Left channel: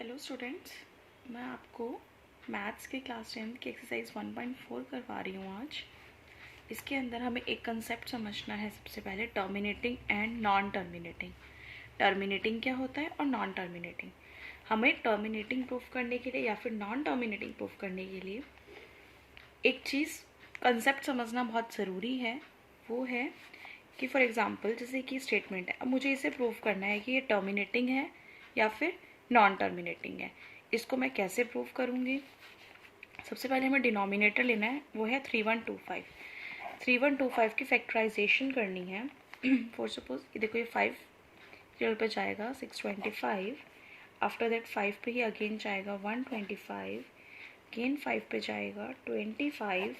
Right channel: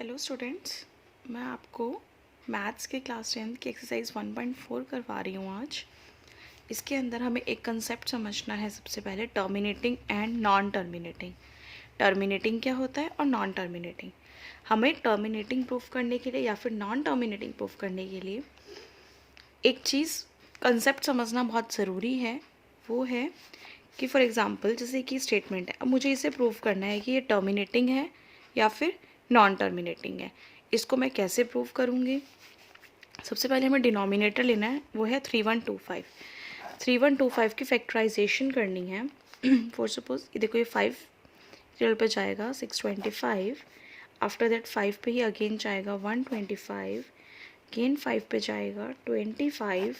Hello students, मैं आपको maths के क्लास 10 की एक्सरसाइज 1.4 करवा रही हूँ आज। इसके अंदर हमें एक कंसेप्ट समझना है। सबसे पहले terminating and non terminating. Terminating क्या होता है और नॉन टर्मिनेटिंग। हमें टर्मिनेटिंग प्रूफ करने के लिए या फिर नॉन टर्मिनेटिंग प्रूफ करने के लिए एक चीज़ कंसेप्ट समझना बहुत ज़रूरी है। वो है कि फॉर एग्ज़ाम्पल जैसे कि स्टेटमेंट है, अब मुझे इसे प्रूफ करना है कि ये टर्मिनेटिंग है या फिर नॉन टर्मिनेटिंग है। इसको मैं कैसे प्रूव करूँगी? सबसे पहले हमें डिनोमिनेटर लेना है, वो है 3125। 3125 की फैक्टराइजेशन करनी है। फॉर सपोज ये देखो, ये 5 टेबल पे जाएगा 625, आफ्टर दैट 5 पे ही अगेन जाएगा 125, अगेन 5 पे जाएगा 25,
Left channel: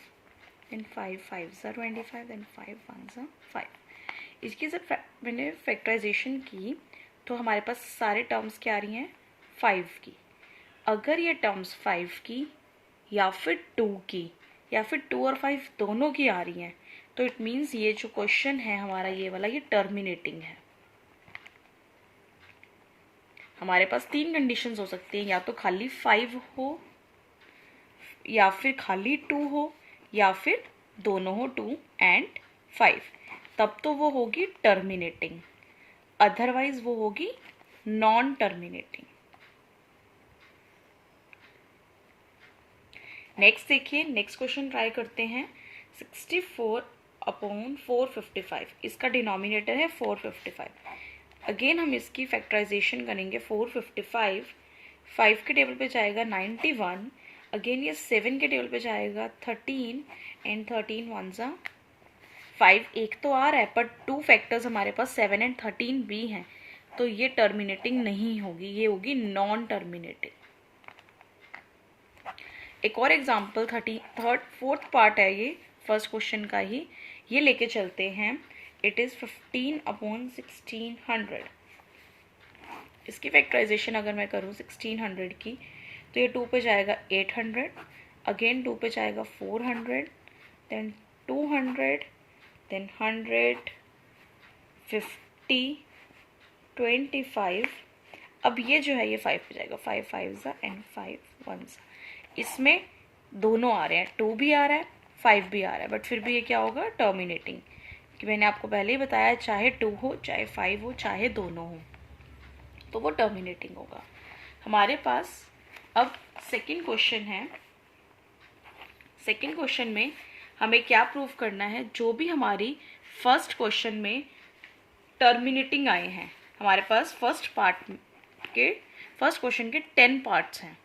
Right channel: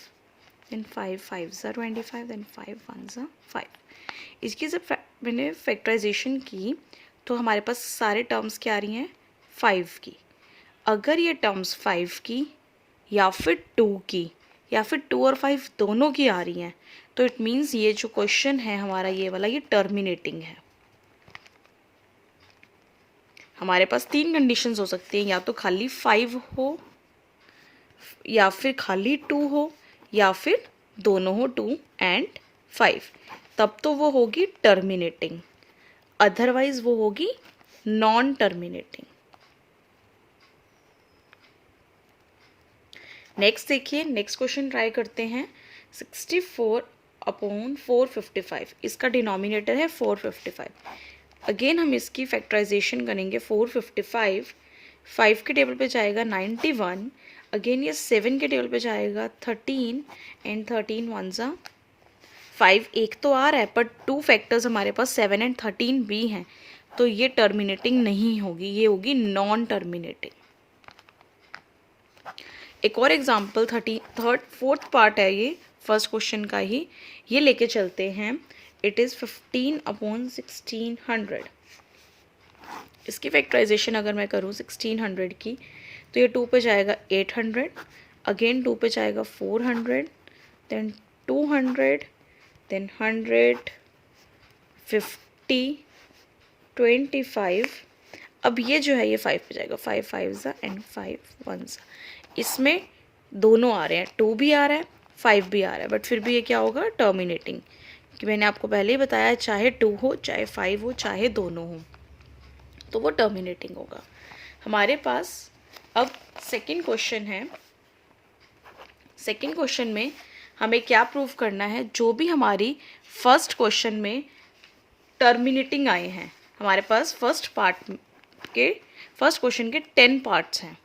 देन 5 5 ज़ा 25, देन 5 1 ज़ा 5। इसकी जब मैंने फैक्टराइजेशन की तो हमारे पास सारे टर्म्स क्या आ रही हैं? 5 की। अगर ये टर्म्स 5 की या फिर 2 की या फिर 2 और 5 दोनों की आ रही हैं तो इट मीन्स ये जो क्वेश्चन है हमारा ये वाला, ये टर्मिनेटिंग है। हमारे पास 3 कंडीशंस हो सकती हैं, या तो खाली 5 हो, या फिर खाली 2 हो, या फिर दोनों हो 2 एंड 5, तब तो वो होगी टर्मिनेटिंग। अदरवाइज वो होगी नॉन टर्मिनेटिंग। नेक्स्ट देखिए, नेक्स्ट क्वेश्चन ट्राई करते हैं। 64/455, इसका डिनोमिनेटर है 455। अगेन हम इसकी फैक्टराइजेशन करेंगे। 455 5 के टेबल पे जाएगा 91, अगेन ये 7 के टेबल पे जाएगा 13 एंड 13 1 ज़ा 5। एक तो आ रहा है पर 2 फैक्टर्स हमारे पास 7 एंड 13 भी हैं, तो ये टर्मिनेटिंग नहीं होगी, ये होगी नॉन टर्मिनेटिंग। एक और एग्जाम्पल 4th पार्ट है ये फर्स्ट क्वेश्चन का ही, ये लेके चलते हैं। It is 15/1600। इसकी फैक्टराइजेशन अगर मैं करूँ 1600 की, तो ये 2 पे जाएगा 800, अगेन 2 पे जाएगा 400, देन 200, देन 100, 50, 25। अब ये जो है ये 5 पे जाएगा, 5 5 ज़ा एंड 5 1 ज़ा। इसमें दोनों आ रहे हैं, 2 भी आ रहा है 5 भी आ रहा है, बट फिर भी ये क्या होगा? टर्मिनेटिंग। कि मैंने आपको पहले ही बताया, चाहे 2 हो, चाहे 5 हो, चाहे दोनों हो, तो वो टर्मिनेटिंग होगा। हमारे पास अब सेकंड क्वेश्चन है। सेकंड क्वेश्चन में हमें क्या प्रूव करना है? जो भी हमारी फर्स्ट क्वेश्चन में टर्मिनेटिंग आए हैं, हमारे पास फर्स्ट क्वेश्चन के 10 पार्ट्स हैं,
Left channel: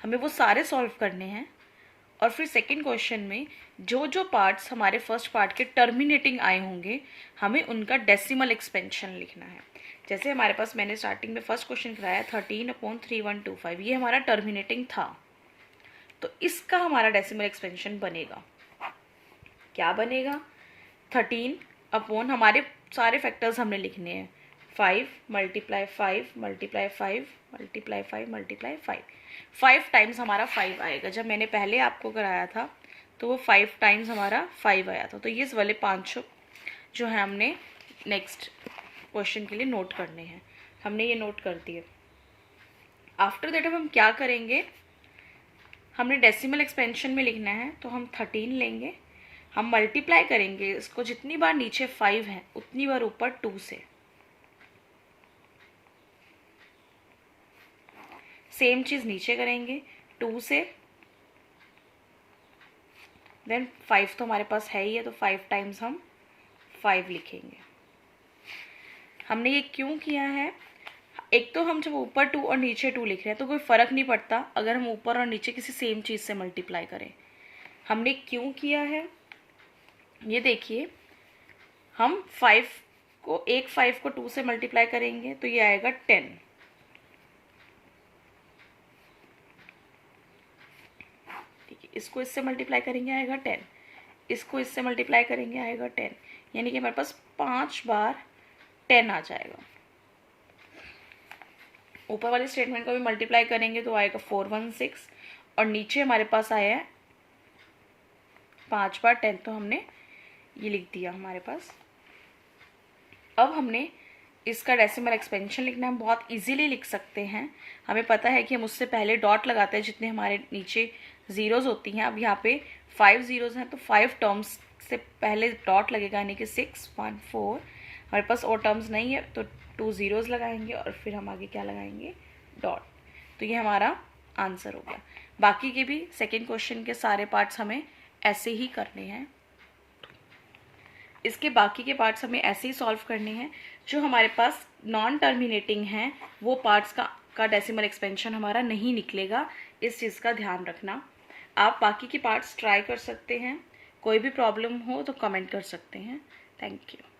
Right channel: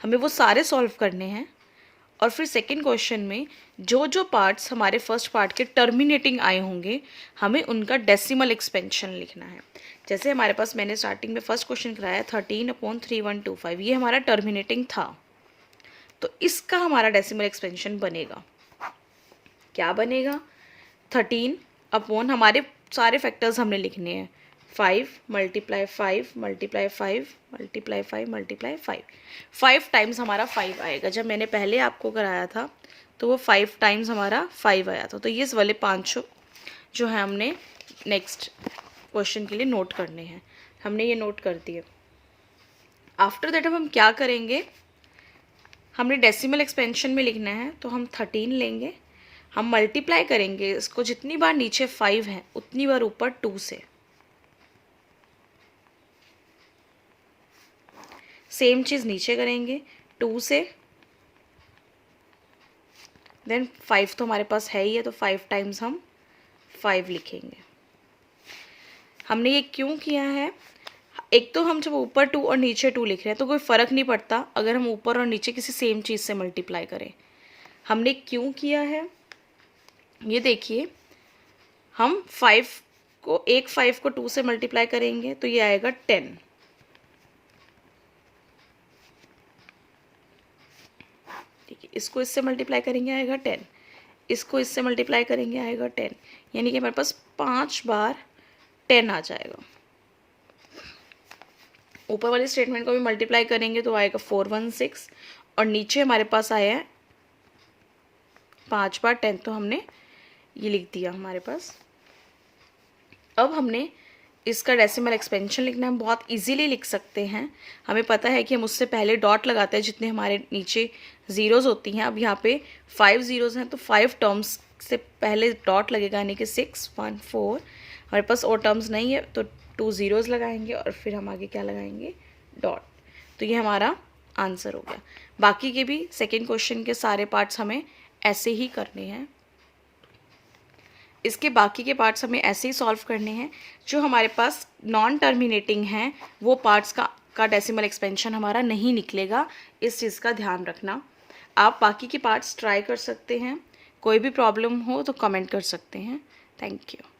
हमें वो सारे सॉल्व करने हैं। और फिर सेकंड क्वेश्चन में जो जो पार्ट्स हमारे फर्स्ट पार्ट के टर्मिनेटिंग आए होंगे, हमें उनका डेसिमल एक्सपेंशन लिखना है। जैसे हमारे पास मैंने स्टार्टिंग में फर्स्ट क्वेश्चन कराया 13/3125, ये हमारा टर्मिनेटिंग था, तो इसका हमारा डेसिमल एक्सपेंशन बनेगा। क्या बनेगा? 13 हमारे सारे फैक्टर्स हमने लिखने हैं, 5 × 5 × 5 × 5 × 5। 5 टाइम्स हमारा 5 आएगा। जब मैंने पहले आपको कराया था तो वो 5 टाइम्स हमारा 5 आया था, तो ये वाले 5 जो है हमने नेक्स्ट क्वेश्चन के लिए नोट करने हैं। हमने ये नोट कर दिए। आफ्टर दैट हम क्या करेंगे? हमने डेसिमल एक्सपेंशन में लिखना है, तो हम 13 लेंगे, हम मल्टीप्लाई करेंगे इसको, जितनी बार नीचे 5 है उतनी बार ऊपर 2 से। सेम चीज़ नीचे करेंगे 2 से, देन 5 तो हमारे पास है ही है, तो 5 टाइम्स हम 5 लिखेंगे। हमने ये क्यों किया है? एक तो हम जब ऊपर 2 और नीचे 2 लिख रहे हैं तो कोई फ़र्क नहीं पड़ता अगर हम ऊपर और नीचे किसी सेम चीज़ से मल्टीप्लाई करें। हमने क्यों किया है ये देखिए, हम 5 को 2 से मल्टीप्लाई करेंगे तो ये आएगा 10। ठीक है, इसको इससे मल्टीप्लाई करेंगे आएगा 10, इसको इससे मल्टीप्लाई करेंगे आएगा 10, यानी कि हमारे पास 5 बार 10 आ जाएगा। ऊपर वाले स्टेटमेंट को भी मल्टीप्लाई करेंगे तो आएगा 416, और नीचे हमारे पास आया है 5 बार 10, तो हमने ये लिख दिया हमारे पास। अब हमने इसका डेसिमल एक्सपेंशन लिखना हम बहुत इजीली लिख सकते हैं। हमें पता है कि हम उससे पहले डॉट लगाते हैं जितने हमारे नीचे ज़ीरोज़ होती हैं। अब यहाँ पे 5 ज़ीरोज़ हैं तो 5 टर्म्स से पहले डॉट लगेगा, यानी कि 6 1 4। हमारे पास और टर्म्स नहीं है तो 2 ज़ीरोज़ लगाएंगे और फिर हम आगे क्या लगाएंगे, डॉट। तो ये हमारा आंसर हो गया। बाकी के भी सेकेंड क्वेश्चन के सारे पार्ट्स हमें ऐसे ही करने हैं। इसके बाकी के पार्ट्स हमें ऐसे ही सॉल्व करने हैं। जो हमारे पास नॉन टर्मिनेटिंग हैं वो पार्ट्स का डेसिमल एक्सपेंशन हमारा नहीं निकलेगा, इस चीज़ का ध्यान रखना। आप बाकी के पार्ट्स ट्राई कर सकते हैं, कोई भी प्रॉब्लम हो तो कमेंट कर सकते हैं। Thank you.